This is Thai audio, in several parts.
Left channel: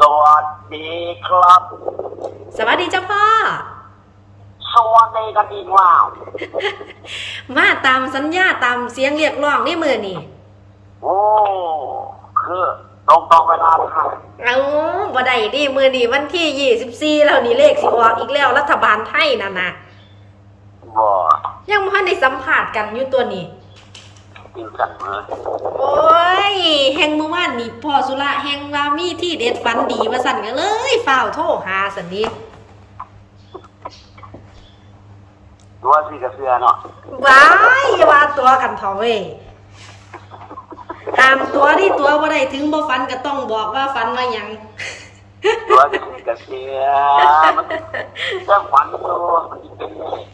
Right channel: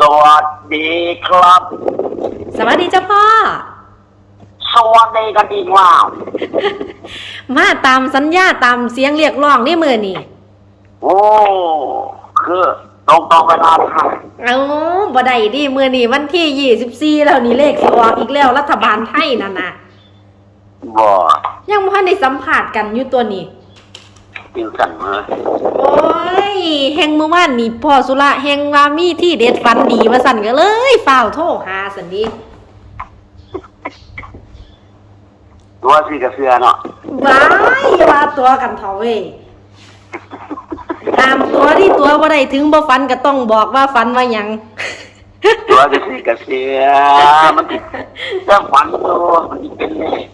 สวัสดีครับ สวัสดีเจ้าพ่อ สวัสดีกันอีกว่ามาตามสัญญาตามเสียงเรียกร้องนี่มือนี่โอ้คือตรงตรงเวลาค่ะเอาบ่ได้ดิมือนี่วันที่ยี่สิบสี่แล้วนี่เลขสิออกอีกแล้วรัฐบาลไทยนั่นนะบ่ยังบ่ทันได้สัมผัสกันอยู่ตัวนี้ ปิวสั่นมาโอ้ยแฮงเมื่อวานนี่พ่อสุระแฮงว่ามีที่เด็ดฟันดีว่าสั่นก็เลยฝ้าวโทรหาสันดีตัวสีกระเสือเนาะว้ายอย่ามาตัวกันเถอะเว้ยห้ามตัวที่ตัวบ่ได้ถึงบ่ฟันก็ต้องบอกว่าฟันว่าหยังตัวกระสีกระเสือมันถ้าฝันตัวมันเป็นเลข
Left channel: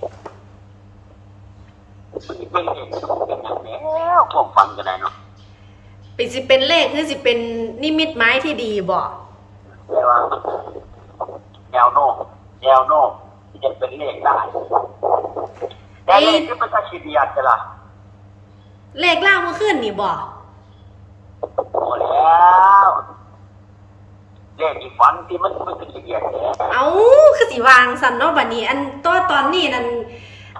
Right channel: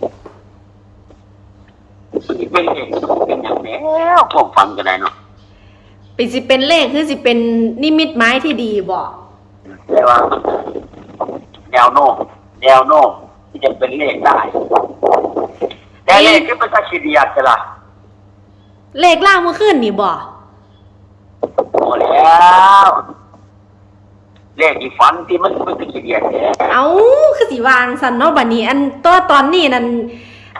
มันเป็นเลขเป็นอย่างแล้วพวกฝันก็ได้เนาะเป็นสิเป็นเลขคือสิเป็นนิมิตหมายที่ดีบ่แต่ว่ามันแนวโน้มแนวโน้มที่จะเป็นเลขได้แต่เลขที่เป็นตัชีดียดจะล่ะเลขล่างเมื่อคืนนี่บ่โอ้แล้วเลขที่ฝันที่มันเป็นตัชีดียดเนี่ยเอาคือสิวางสันเนาะบัดนี้ อันตัวตอนนี้นั่น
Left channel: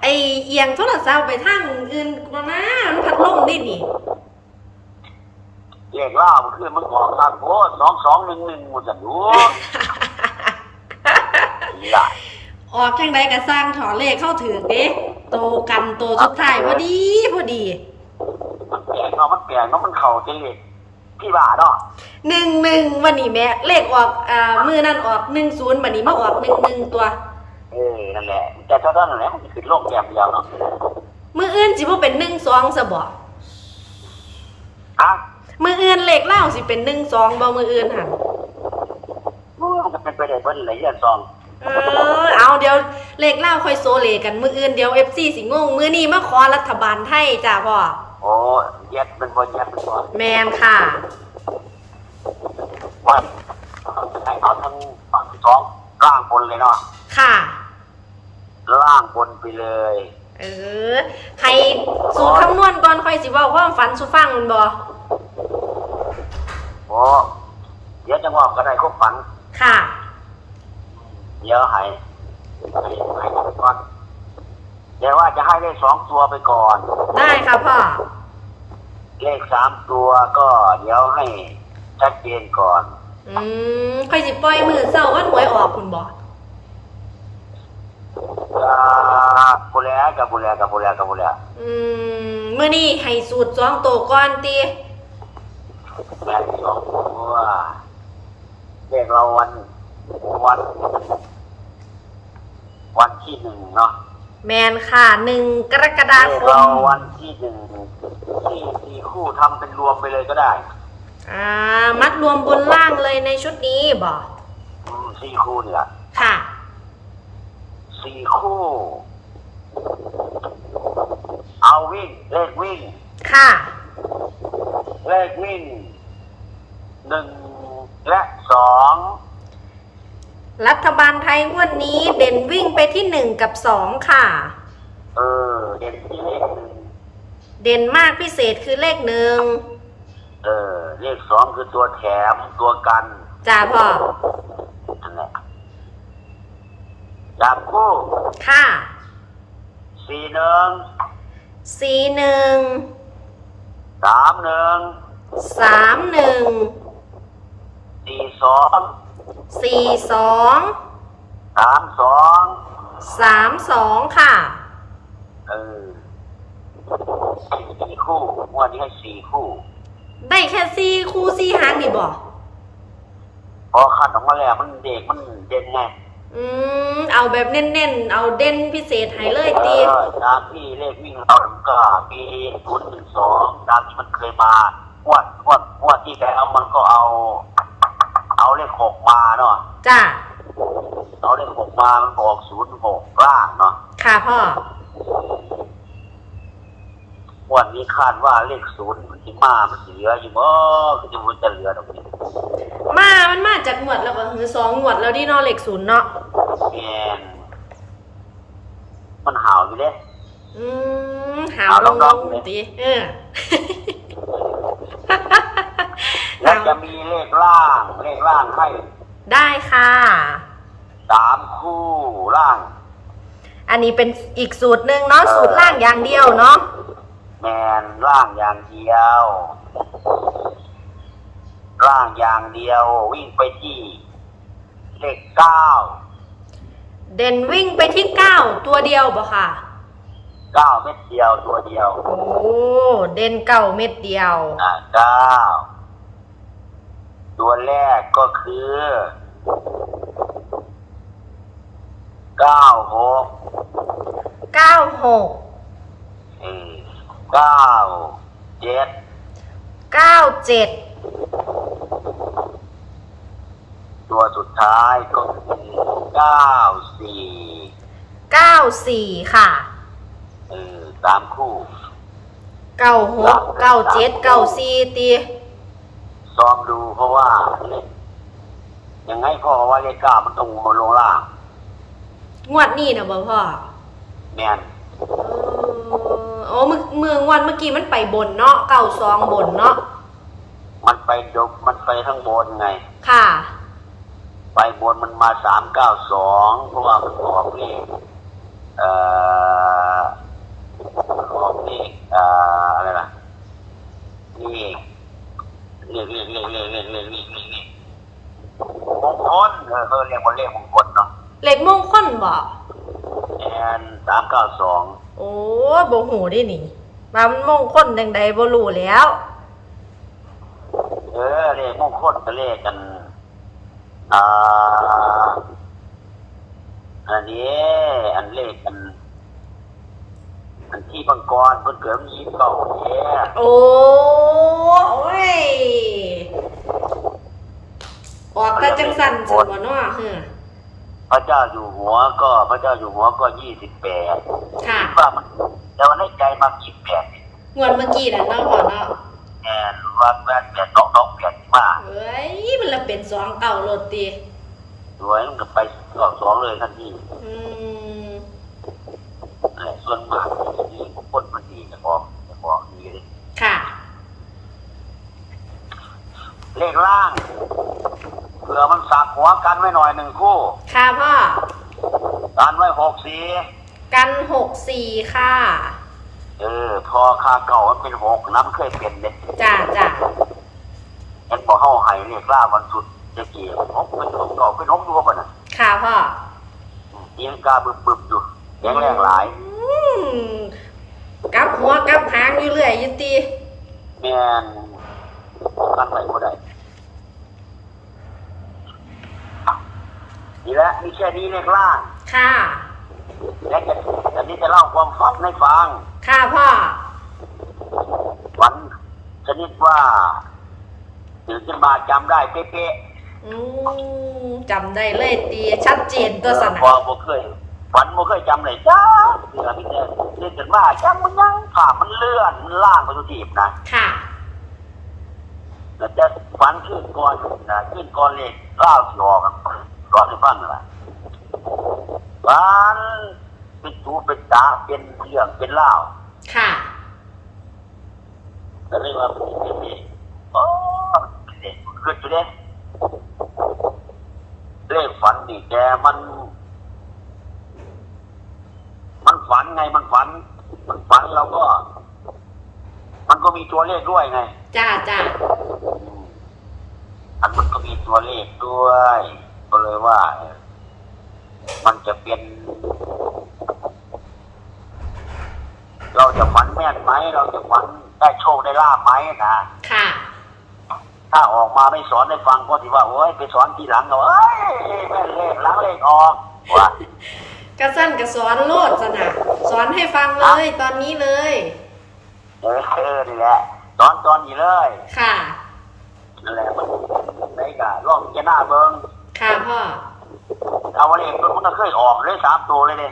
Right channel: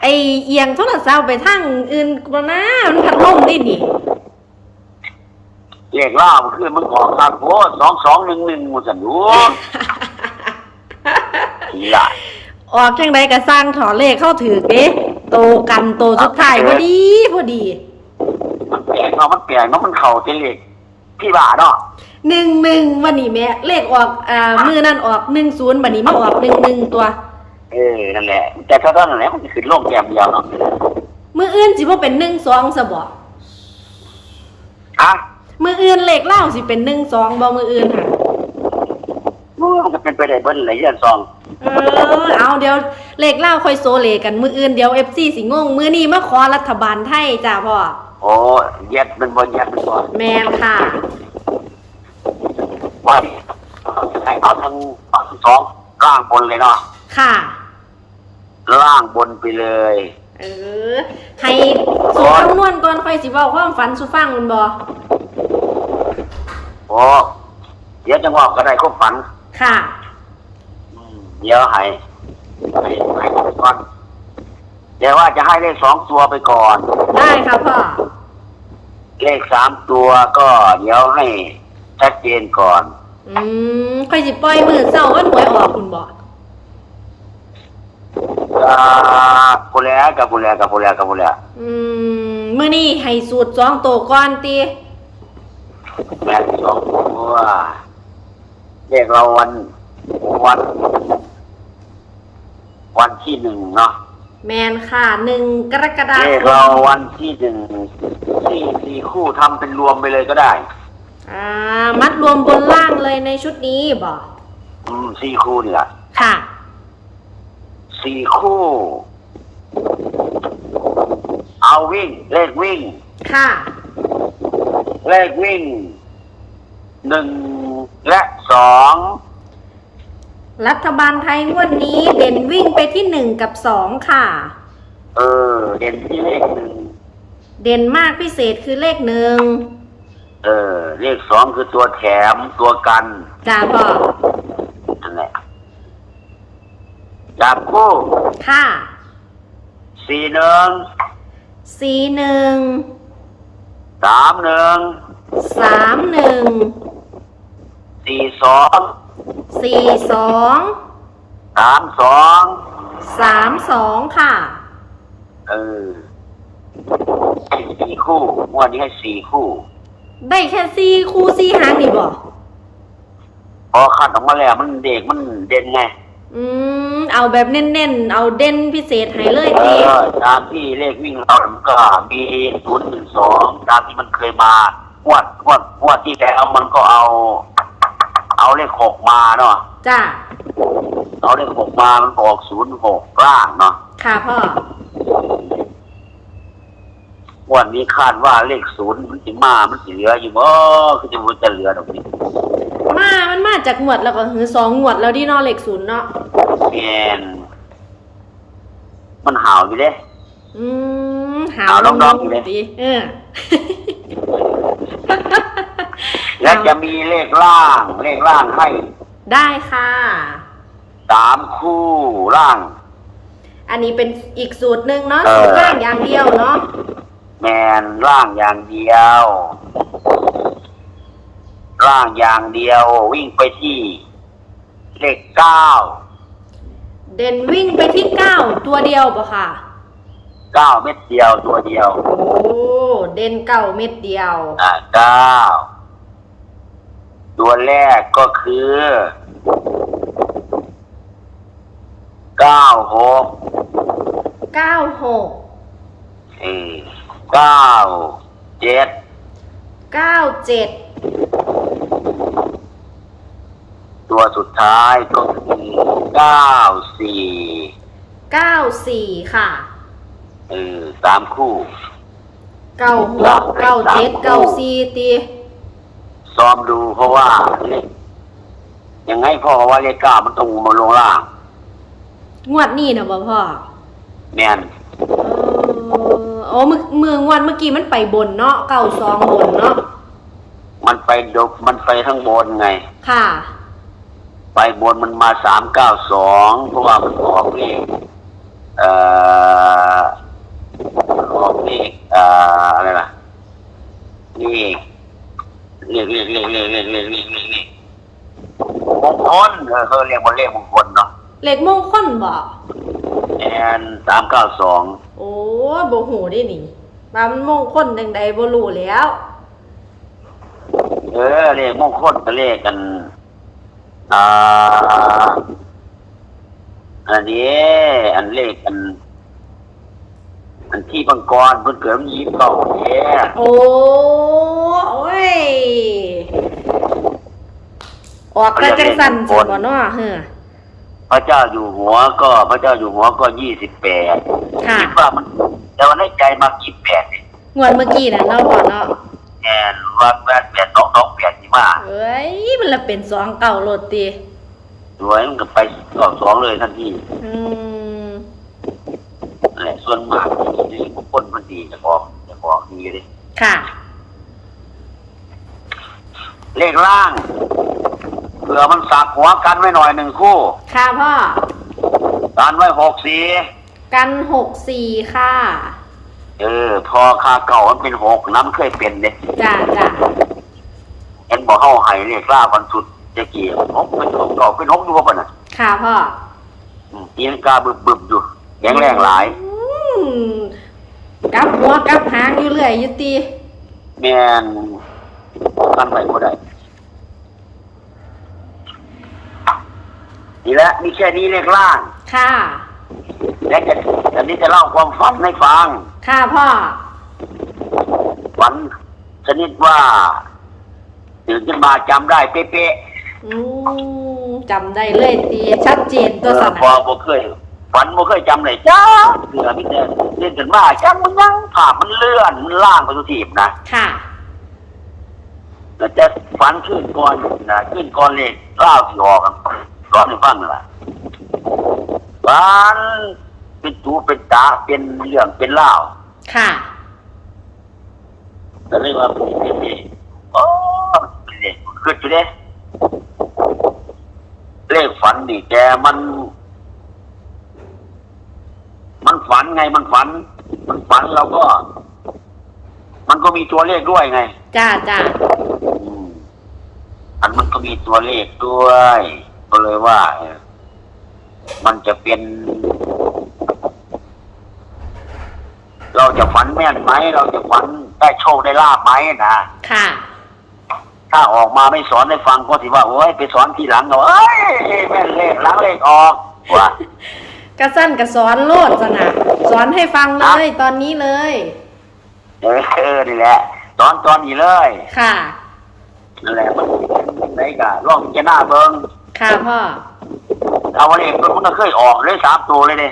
ไอเอียงโทรศัพท์ไปทางอื่นกว่านะมันพัดลมนี่นี่ เลขล่ามันคือมันออกทางโอ้สองสองหนึ่งหนึ่งมันสันรู้ นี่ล่ะออกจังไดก็สร้างถอเลขเข้าถือเด้โตกันโตสุดท้ายพอดีพอดีมันแปลกเนาะมันแปลกเนาะมันเข่าเป็นเลขพี่บ้าเนาะหนึ่งหนึ่งวันนี้แม่เลขออกอ่ามือนั่นออกหนึ่งศูนย์บัดนี้มาออกหนึ่งหนึ่งตัว เออนั่นแหละแต่ถ้าเท่านั้นแหละมันจะขึ้นลงแก้มเดียวเนาะมืออื่นสิบ่เป็นหนึ่งสองซะบ่อะมืออื่นเลขเล่าสิเป็นหนึ่งสองบ่มืออื่นหันมันจะเป็นไปได้เบิ้ลอะไรเรื่องซองเออเอาเดี๋ยวเลขเล่าค่อยโซเลกันมืออื่นเดี๋ยวเอฟซีสิงงมือนี้มาขอรัฐบาลไทยจ้าพ่อโอ้เย็ดเป็นบนเย็ดเป็นบนแมนค่ะว่าให้เอาทั้งทั้งสองล่างบนเลยเนาะค่ะล่าง บนไปเลย เออ ให้สูตรคำนวณก่อนค่อยสิเว้าความฝันสุฟังมันบ่โอ้เดี๋ยวจังหวะก็ได้ครบฝัน ค่ะ เดี๋ยวให้ให้ให้ก่อนเดี๋ยวว่าจะให้เลขสองตัวไปก่อน ได้ค่ะพ่อ เลขสามตัวก็เดี๋ยวให้ชัดเจนก่อน อืมค่อยสิปล่อยมือเศร้าวันหวยออกคุณบ่ อ่ากุแลกับกุแลกับกุแลกับกุแลอืมมื้อนี้ให้สูตรสองโตวก่อนติแม่สองตัวเลขเราวันวัน วันที่หนึ่งเนาะแมนค่ะหนึ่งกรกฎาเลขคเรามวันที่หนึ่งสี่สี่คู่ทำเป็นรวมไปเลยก็ได้ อ่ามัดรวมบนล่างเลยในชุดนี้บ่อืมสี่คู่นี่แหละค่ะ สี่คู่ เอาวิ่ง เลขวิ่ง ค่ะ เลขวิ่งหนึ่งและสองรัฐบาลไทยงวดนี้เด่นวิ่งไปที่หนึ่งกับสองค่ะ เออ เด่นที่เลขหนึ่งเด่นมากพิเศษคือเลขหนึ่งเออ เลขสองคือตัวแถมตัวกัน จ้าพ่อนั่นแหละ จับคู่ค่ะสี่หนึ่งสี่หนึ่งสามหนึ่งสามหนึ่งสี่สองสี่สองสามสองสามสองค่ะเออให้สี่คู่งวดนี้ให้สี่คู่ ได้แค่สี่คู่สี่หางนี่บ่พอคัดออกมาแล้วมันเด็กมันเด่นไง อืมเอาแบบเน้นๆ เอาเด่นพิเศษให้เลยเอทีอตามที่เลขวิ่งเราก็มีศูนย์หนึ่งสองตามที่มันเคยมางวดงวดงวดที่แล้วมันก็เอา เอาเลขหกมาเนาะจ้าเอาเลขหกมามันออกศูนย์หกล่างเนาะค่ะพ่อ งวันนี้คาดว่าเลขศูนย์มันสิมา มันสิเหลืออยู่บ่คือจะมันจะเหลือดอกนี้มา มันมาจากหมวดแล้วก็คือสองหมวดแล้วที่นอเหล็กศูนย์เนาะ แมนมันห่าวอยู่เด้ อืมหาวลงหาวลลงงๆเลยตีเออและจะมีเลขล่าง เลขล่างให้ ได้ค่ะสามคู่ล่าง อันนี้เป็นอีกสูตรหนึ่งเนาะเออสูตรล่างอย่างเดียวเนาะแมนล่างอย่างเดียว ล่างอย่างเดียว วิ่งไปที่ เลขเก้า เด่นวิ่งไปที่เก้าตัวเดียวบ่ค่ะ เก้าเม็ดเดียวตัวเดียว โอ้เด่นเก้าเม็ดเดียว อ่าเก้าตัวแรกก็คือเก้าหกเก้าหกเออเก้าเจ็ดเก้าเจ็ด ตัวสุดท้ายก็คือเก้าสี่เก้าสี่ค่ะเออสามคู่เก้าหกเก้าเจ็ดเก้าสี่ตีซ้อมดูเพราะว่าเลขยังไงพ่อว่าเลขเก้ามันต้องมาลงล่างงวดนี้นะบ่พ่อแมนเออโอ้มือมืองวดเมื่อกี้มันไปบนเนาะเก้าสองบนเนาะมันไปดบมันไปข้างบนไง ค่ะ ไปบนมันมาสามเก้าสองเพราะว่ามันออกเลขเอ่อออกเลขเอ่ออะไรล่ะเลขเลขเลขเลขเลขเลขเลขเลขเลขเลขมงคลเออเขาเรียกว่าเลขมงคลเนาะเหล็กมงคลบ่แอนสามเก้าสองโอ้ยบ่หูได้นี่ว่ามันมงคลจังใดบ่รู้แล้ว เออเลขมงคลก็เลขกัน อ่า อันนี้ อันเลขอัน อันที่บังกรเพิ่นเกิดมันยี่สิบเก้าเนี่ยโอ้โอ้ย ออกกระจังสันสันบ่เนาะเฮ้อพระเจ้าอยู่หัวก็พระเจ้าอยู่หัวก็ยี่สิบแปดค่ะ คิดว่ามันแต่ว่าในใจมายี่สิบแปดเนี่ยงวดเมื่อกี้น่ะเนาะพ่อเนาะ แอนว่าแปดแปดน้องน้องแปดที่มา เอ้ยมันละเป็นสองเก่าโลดติสวยมันก็ไปสองสองเลยทันทีอืมนั่นแหละส่วนมากที่คนมันดีจะออกจะออกดีเลยค่ะ เลขล่างเผื่อมันสักหัวกันไว้หน่อยหนึ่งคู่ ค่ะพ่อ กันไว้หกสีกันหกสี่ค่ะ เออ พอคาเก่ามันเป็นหกน้ำเคยเป็นเนี่ยจ้าจ้า เอ็นบอกเข้าไห้เลขล่าวันสุดจะเกี่ยวหกเป็นหกดอกเป็นหกดูป่ะน่ะค่ะพ่ออืมตีนกาบึบบึบๆอยู่แข็งแรงหลายอืมกลับหัวกลับหางอยู่เรื่อยอยู่ติแมนกันไปก็ได้นี่แหละมีแค่นี้เลขล่างค่ะ และจะอันนี้จะเล่าความฝันให้ฟัง ค่ะพ่อฝันชนิดว่า ตื่นขึ้นมาจำได้เป๊ะอืมจำได้เลยตีชัดเจนๆตัวสเออนะพอบ่เคยฝันบ่เคยจำเลยจ้าเรือมิแต่เล่นกันมาจำมันยังภาพมันเลื่อนมันล่างไปทุกทีนะค่ะแล้วจะฝันขึ้นก่อนนะขึ้นก่อนเลยเล่าที่ออกอะก่อนให้ฟังนั่นแหละฝันเป็นตูเป็นตาเป็นเรื่องเป็นเล่าว ค่ะ ก็เลยว่าเป็นเป็นเป็นโอ้ เป็นเด็กขึ้นอยู่เด้เลขฝันดิแกมัน มันฝันไงมันฝัน มันฝันเราก็ มันก็มีตัวเลขด้วยไง จ้าจ้าอืมอันมันก็มีตัวเลขด้วย ก็เลยว่าเออมันจะเป็น เราจะฝันแม่นไหม เราจะฝันได้โชคได้ลาบไหมนะค่ะ ถ้าออกมาไม่สอนให้ฟังก็ถือว่าโอ้ยไปสอนทีหลังเราเอ้ยแม่นเลขหลังเลขออกว่ากระสั้นกระสอนโลดสนะสอนให้ฟังเลยตอนนี้เลย เออเออนี่แหละสอนตอนนี้เลยค่ะนั่นแหละมันไหนกะลองพิจะหน้าเบิ้งค่ะพ่อเอาเลขมันก็เคยออกเลยสามตัวเลยเด้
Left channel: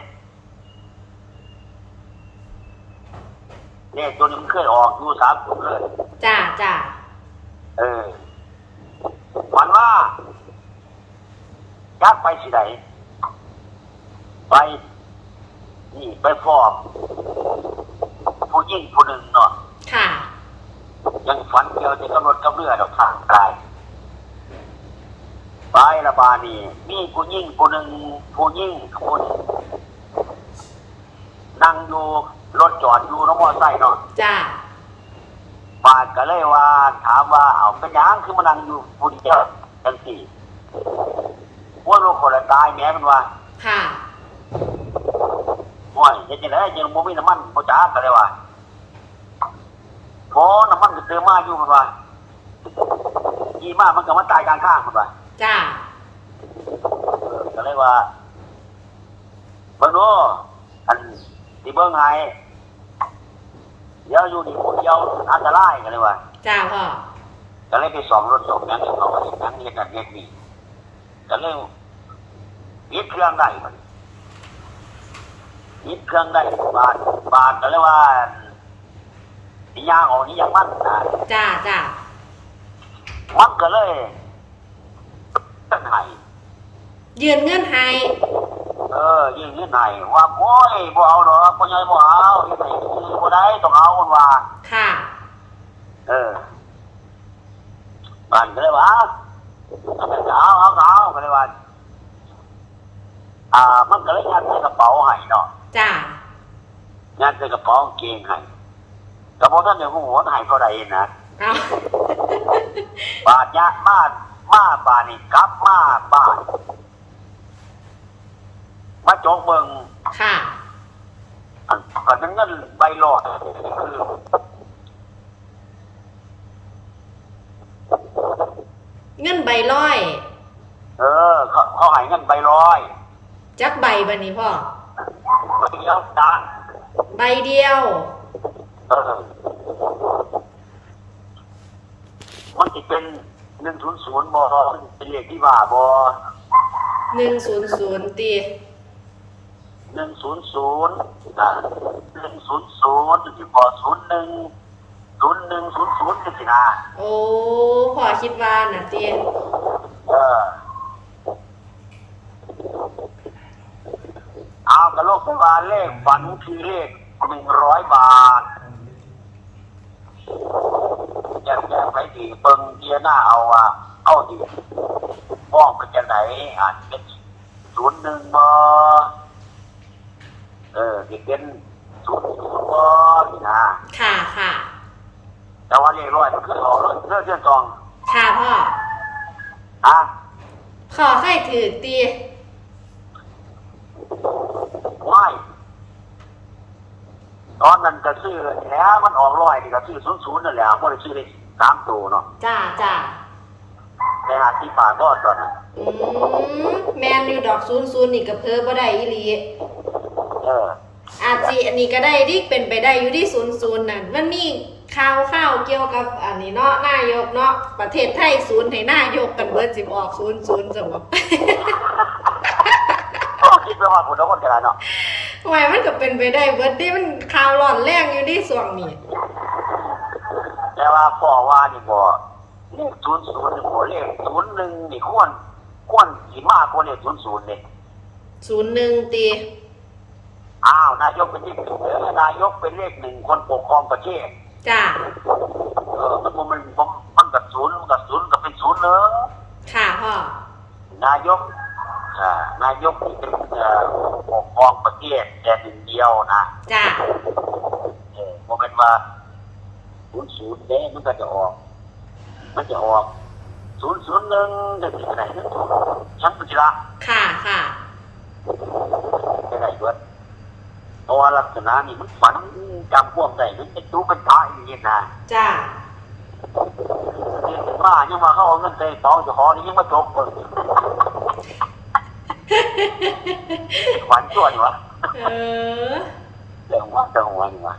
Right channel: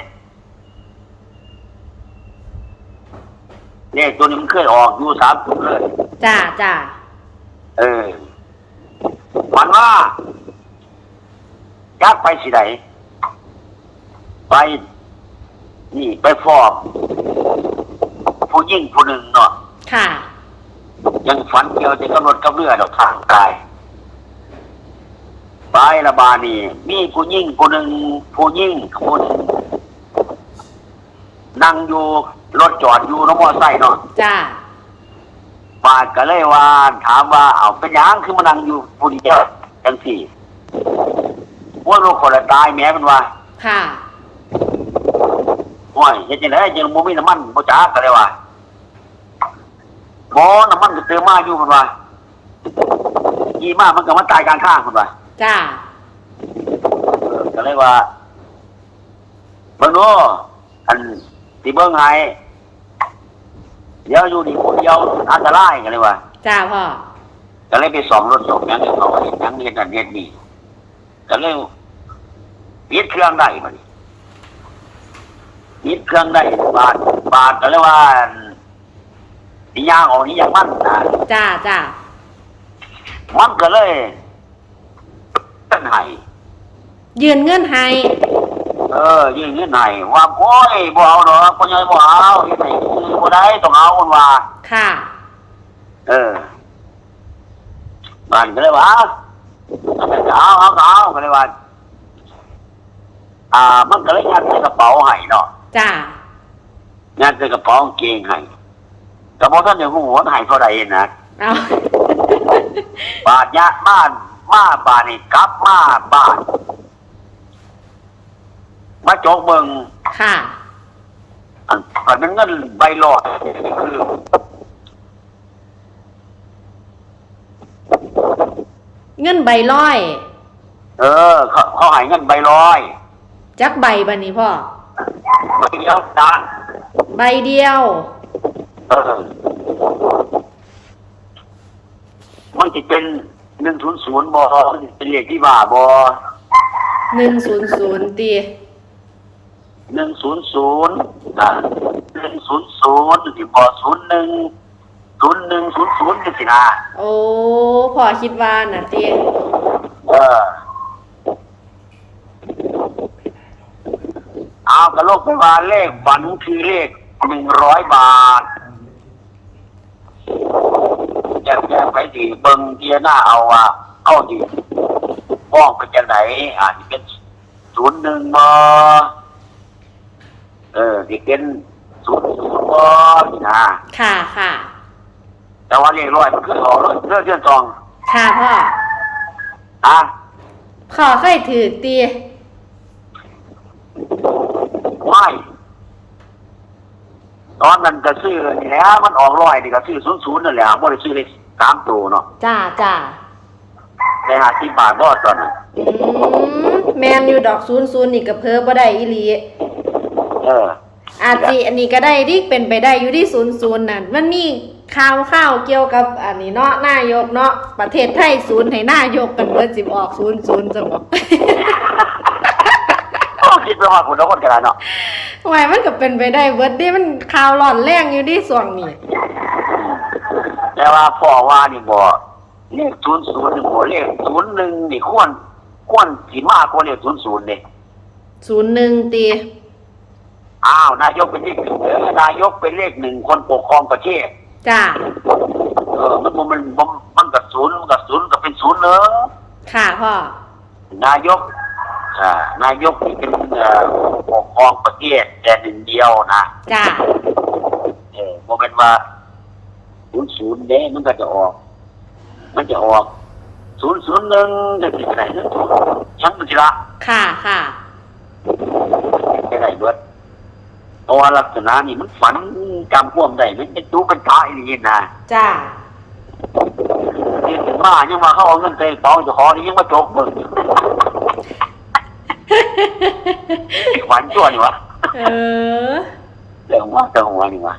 เลขตัวนี้มันเคยออกอยู่สามตัวเลยจ้าจ้า เออมันว่ายักไปสิไหนไป นี่ไปฟอกผู้ยิ่งผู้หนึ่งเนาะค่ะ ยังฝันเกี่ยวจะกำหนดกับเรือดอกทางตายไประบานี่มีผู้ยิ่งผู้หนึ่งผู้ยิ่งคนนั่งอยู่รถจอดอยู่น้องมอไซค์เนาะจ้า ปาดก็เลยว่า ถามว่าเอาเป็นหยังคือมานั่งอยู่ผู้เดียวจังสี่ว่าลูกคนละตายแม่เป็นว่าค่ะโอ้ยเฮ็ดจังได๋จังบ่มีน้ำมันบ่จ้าก็เลยว่าบ่น้ำมันก็เติมมาอยู่เพิ่นว่ายี่มามันก็มาตายกลางทางเพิ่นว่าจ้าเออก็เลยว่าเบิ่งโน้อันสิเบิ่งให้ เดี๋ยวอยู่นี่คนเดียวอันตรายก็เลยว่าจ้าพ่อก็เลยไปสองรถสองหยังเขาก็เห็นหยังเห็นนั่นเห็นนี่ก็เลยยึดเครื่องได้มันยึดเครื่องได้บาทบาทก็เลยว่านี่ยางออกนี่ยางมันนะจ้าจ้ามันก็เลยตั้นไห้ยืนเงื่อนให้ เออยื่นยื่นไห้ว่าโอ้ยบ่เอาหรอกพ่อใหญ่บ่เอาที่ไหนบ่ได้ต้องเอาคนว่า ค่ะ เออมันก็เลยว่าเอาเอาเอาเอาก็เลยว่า อ่า มันก็เลยยัดใส่กระเป๋าให้เนาะจ้ายัดใส่กระเป๋ากางเกงให้กระเป๋าท่านอย่างหัวให้เท่าไหร่นะเอาบาทยะบ้านมาบาทนี่กลับมาบ้าน มาโจกเมืองค่ะอันอันนั้นเงินใบหลอดคือเงินใบร้อย เออ เขาเขาให้เงินใบร้อยจักใบบันนี้พ่อ ใบเดียวนะใบเดียว เออ มันจะเป็นหนึ่งศูนย์ศูนย์บอเป็นเลขที่บ้าบอ หนึ่งศูนย์ศูนย์ตี หนึ่งศูนย์ศูนย์นะหนึ่งศูนย์ศูนย์ที่บอศูนย์หนึ่งศูนย์หนึ่งศูนย์ศูนย์นี่สินะโอ้พ่อคิดว่าน่ะตีเออเอากระโลกไปมาเลขฝันคือเลขหนึ่งร้อยบาทแจกแจกไปดีเบิงเทียหน้าเอาอะเอาดีป้องไปจากไหนอาจจะเป็นศูนย์หนึ่งบอ เออที่เป็นศูนย์ศูนย์บอนี่นะค่ะค่ะแต่ว่าเลขร้อยมันคือออกเรื่องเรื่องเดือนสองค่ะพ่ออะพ่อเคยถือตีไม่ตอนนั้นก็ซื้อนี่แหล้วมันออกร้อยนี่ก็ซื้อศูนย์ศูนย์นั่นแหละไม่ได้ซื้อเลขสามตัวเนาะจ้าจ้าได้หาที่บาทบอดตอนนั้นอืมแมนอยู่ดอกศูนย์ศูนย์นี่ก็เพิ่มบ่ได้อีหลีเออ อาจสิอันนี้ก็ได้ที่เป็นไปได้อยู่ที่ศูนย์ศูนย์นั่นมันมีข่าวข่าวเกี่ยวกับอันนี้เนาะนายกเนาะประเทศไทยศูนย์ให้นายกกันเบิดสิบออกศูนย์ศูนย์สมอง คิดไปว่าคุณน้องคนกระดานเนาะทำไมมันก็เป็นไปได้เบิดที่มันข่าวร้อนแรงอยู่ที่ส่วงนี้ แต่ว่าพ่อว่านี่บอกเลขศูนย์ศูนย์นี่บอกเลขศูนย์หนึ่งนี่ควรควรสีมากกว่าเลขศูนย์ศูนย์เนี่ยศูนย์หนึ่งตี อ้าวนายกเป็นเลขหนึ่งเออนายกเป็นเลขหนึ่งคนปกครองประเทศ จ้า เออมันมันมันมันมันกับศูนย์มันกับศูนย์ก็เป็นศูนย์เนอะค่ะพ่อ นายกอ่านายกที่เป็นเอ่อปกครองประเทศแต่หนึ่งเดียวนะจ้า เออโมเป็นว่าศูนย์ศูนย์เด้มันก็จะออก มันจะออกศูนย์ศูนย์หนึ่งจะเป็นอะไรนะชั้นมันจะละค่ะค่ะเป็นไรเบิด เพราะว่าลักษณะนี่มันฝันจำพวกได้มันเป็นตู้เป็นท้ายอย่างนี้นะจ้านี่ถึงมายังมาเข้าเอาเงินเตะเป๋าจะขอนี่ยังมาจกมึงฝันชั่วนี่วะเออเรื่องว่าเรื่องหัวนี่วะ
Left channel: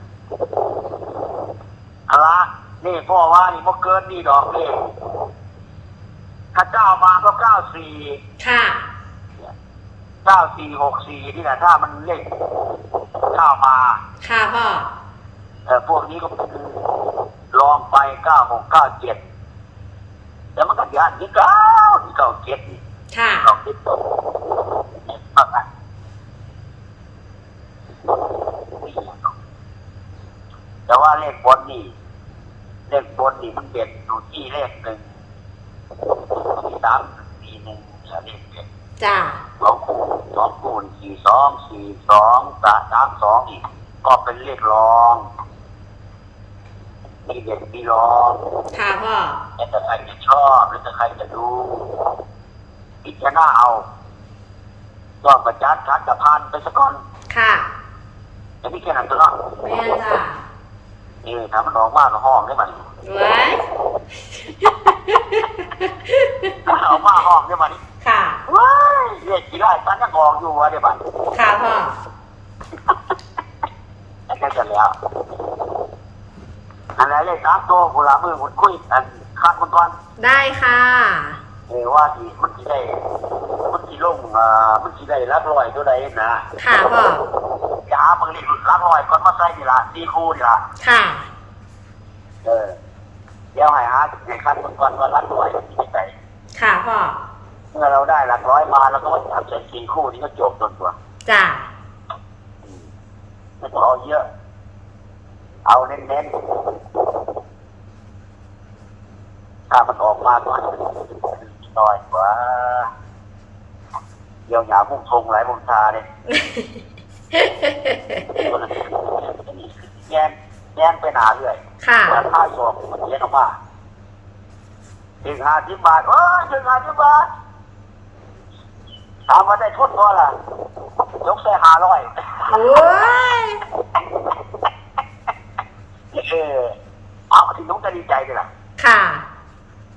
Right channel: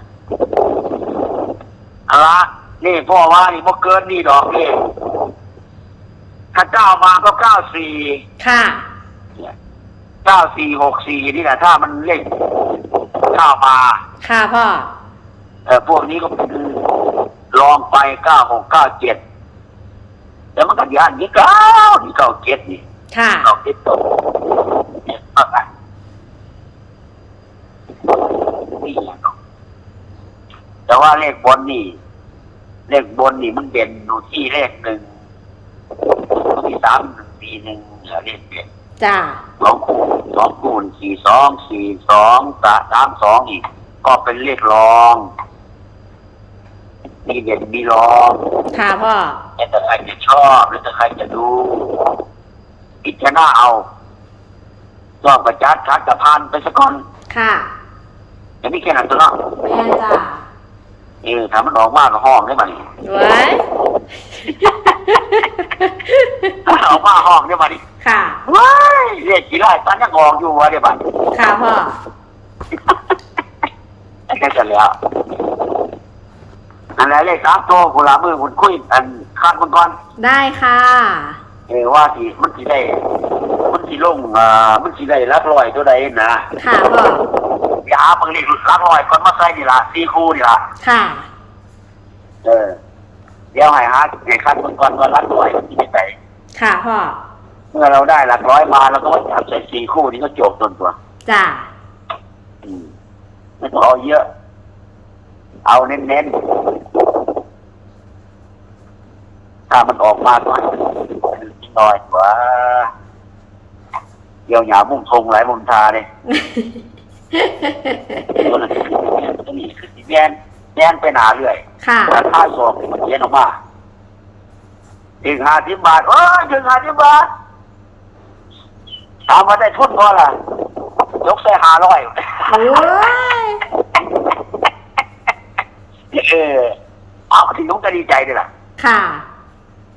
เอาละนี่พ่อว่านี่พ่อเกินนี่ดอกนี่ถ้าเก้ามาก็เก้าสี่ค่ะเก้าสี่หกสี่นี่แหละถ้ามันเล ขเก้ามาค่ะพ่อเออพวกนี้ก็เป็นลองไปเก้าหกเก้าเจ็ดแต่มันก็ยานนี่เก้านี่เก้าเจ็ดนี่ค่ะเก้าเจ็ดตัวเนี่ยก็ได้นี่แหละแต่ว่าเลขบนนี่ เลขบนนี่มันเด่นอยู่ที่เลขหนึ่งก็มีสามสี่หนึ่งเหลือเลขเด่น จ้าสองคูณสองคูณสี่สองสี่สองสามสามสองอีก ก็เป็นเลขรองมีเด่นมีรองค่ะพ่อแล้วแต่ใครจะชอบแล้วแต่ใครจะดูพิจารณาเอาชอบประจัดคัดกระพานไปสักคนค่ะจะไม่แค่นั้นตัวเนาะแม่นจ้าเออถ้ามันออกมากก็ห้องได้ไหมไว้ถ้าออกมาห้องได้ไหม ค่ะ ว้ายเรียกกี่ไร่ตอนยังออกอยู่วะได้ไหมค่ะพ่อ แค่จะแล้วนั่นแหละเลขสามตัวคุณละมือคุณคุยอันคาดมันก่อนได้ค่ะ เออว่าที่มันสิได้ มันสิลงอ่ามันสิได้รักร้อยตัวใดนะค่ะพ่อ อย่าหาบางเลขรักร้อยคนมาใส่นี่ละสี่คู่นี่ละค่ะ เออเดี๋ยวให้หาเด็กคัดมันก่อนว่ารักร้อยมันที่ไหนค่ะพ่อ เมื่อเราได้หลักร้อยมาเราก็มาจับใส่สี่คู่นี่ก็จบต้นตัวจ้าอืมไม่ต้องเอาเยอะ เอาเน้นๆถ้ามันออกมาก็ให้มันน้อยกว่าเดี๋ยวหยามุ่งทงหลายมุมทาเลยตัวนั้นตัวนี้คือแยนแยนไปหนาเรื่อยค่ะแต่ถ้าสอบมันเย็นออกมาถึงห้าสิบบาทโอ้ยถึงห้าสิบบาท ถามว่าได้ทุนพอล่ะ ยกใส่ห้าร้อยโอ้ยเออเอาที่นุ้งก็ดีใจด้วยล่ะ ค่ะ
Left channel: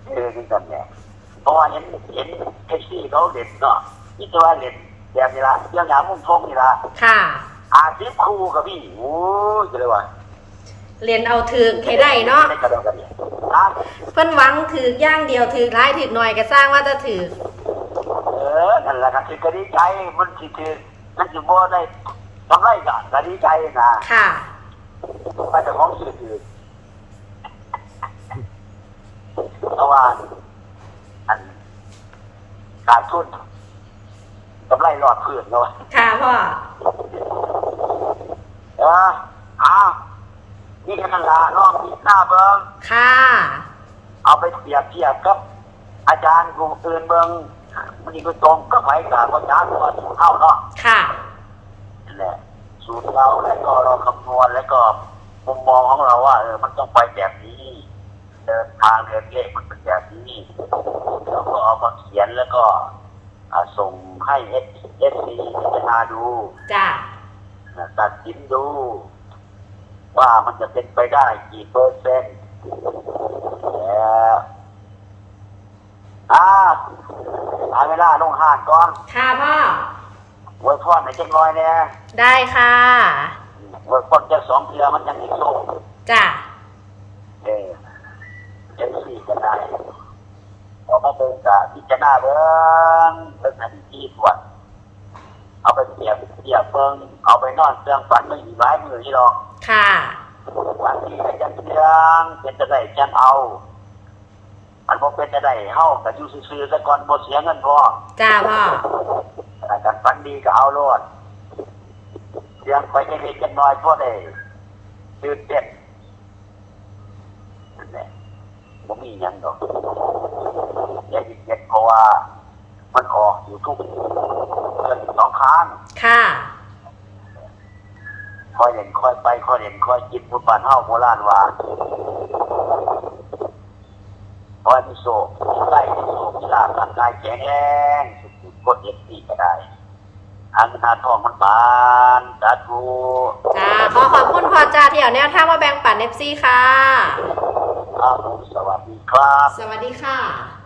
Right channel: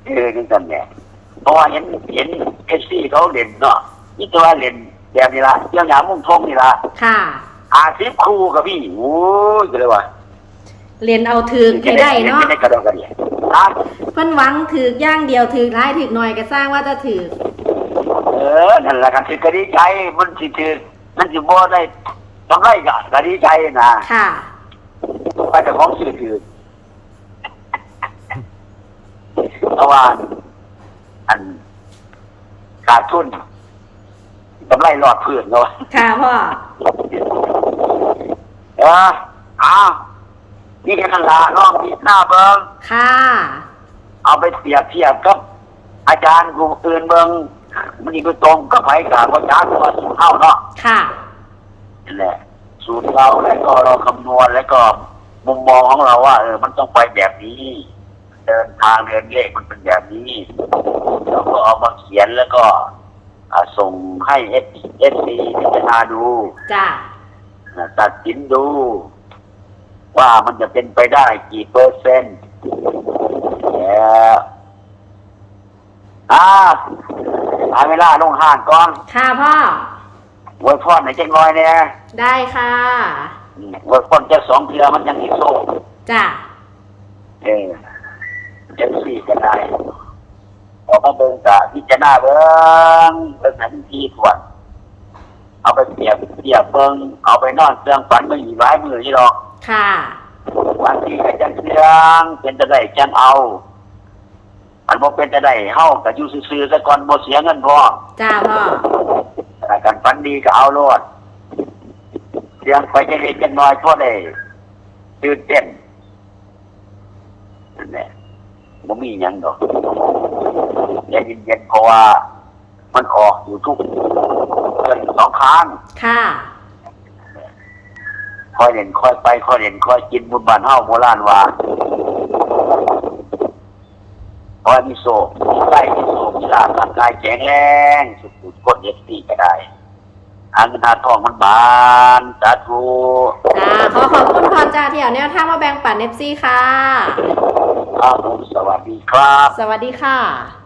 เออนี่กันเนี่ยเพราะว่าเห็นเห็นเอฟซีเขาเล่นเนาะนี่ตัวเล่นแบบนี้ละเรื่องหยามุ่งทงนี่ละค่ะ อาซิบครูกับพี่โอ้ยก็เลยว่าเรียนเอาถือให้ได้เนาะได้กระโดดกันเนี่ยนะเพิ่นหวังถือกอย่างเดียวถือกร้ายถือกหน่อยก็สร้างว่าจะถือกเออนั่นแหละกันสิก็ดีใจมันสิถือมันสิบ่ได้ต้องได้กันก็ดีใจนะค่ะไปแต่ของสื่อถือเพราะว่าอันขาดทุนกำไรหลอดเพื่อนเนาะค่ะพ่อเอออ้าวนี่แค่นั้นละน้องมีหน้าเบิ้งค่ะ เอาไปเปรียบเทียบกับอาจารย์กลุ่มอื่นเบิ้ง มันนี่ก็ตรงก็ไผ่กับอาจารย์ก็สูตรเข้าเนาะค่ะ นั่นแหละ สูตรเราแล้วก็เราคำนวณแล้วก็มุมมองของเราว่าเออมันต้องไปแบบนี้ เดินทางเดินเลขมันเป็นแบบนี้เราก็เอามาเขียนแล้วก็อ่าส่งให้เอสเอสซีพิจารณาดู จ้านะตัดสินดู ว่ามันจะเป็นไปได้กี่เปอร์เซ็นต์แล้วอ่า หาเวลาลงห้างก่อนค่ะพ่อไว้พอดในอยจังน้อยเนี่ยได้ค่ะไว้พอดจะสองเทือมันยังอีกโซ่จ้าเออจะสี่กันได้ออกมาเบิ่งกะพิจารณาเบิ่งเบิ่งทันทีตรวจเอาไปเปรียบเทียบเบิ่งเอาไปนอนเครื่องฝันมันอยู่หลายมือที่หรอกค่ะวันที่ก็จังเสียงเป็นจะได้จังเอา อันบ่เป็นจะได้เฮาก็อยู่ซื่อๆซะก่อนบ่เสียเงินพอจ้าพ่อแต่การฝันดีก็เอาโลดเสียงไปจะเล็กจังน้อยพอได้ตื่นเต้นนั่นแหละบ่มีหยังดอกใจเย็นๆเพราะว่า มันออกอยู่ทุกเดือนสองครั้งค่ะคอยเล่นคอยไปคอยเล่นคอยกินบุญบ้านเฮาโบราณว่า คอยมีโศกมีไส้มีโศกมีลาบร่างกายแข็งแรงสุดๆกดเอฟซีก็ได้หาเงินหาทองมันบานสาธุจ้าขอขอบคุณพ่อจ้าที่เอาแนวทางมาแบ่งปันเอฟซีค่ะ ครับผมสวัสดีครับ สวัสดีค่ะ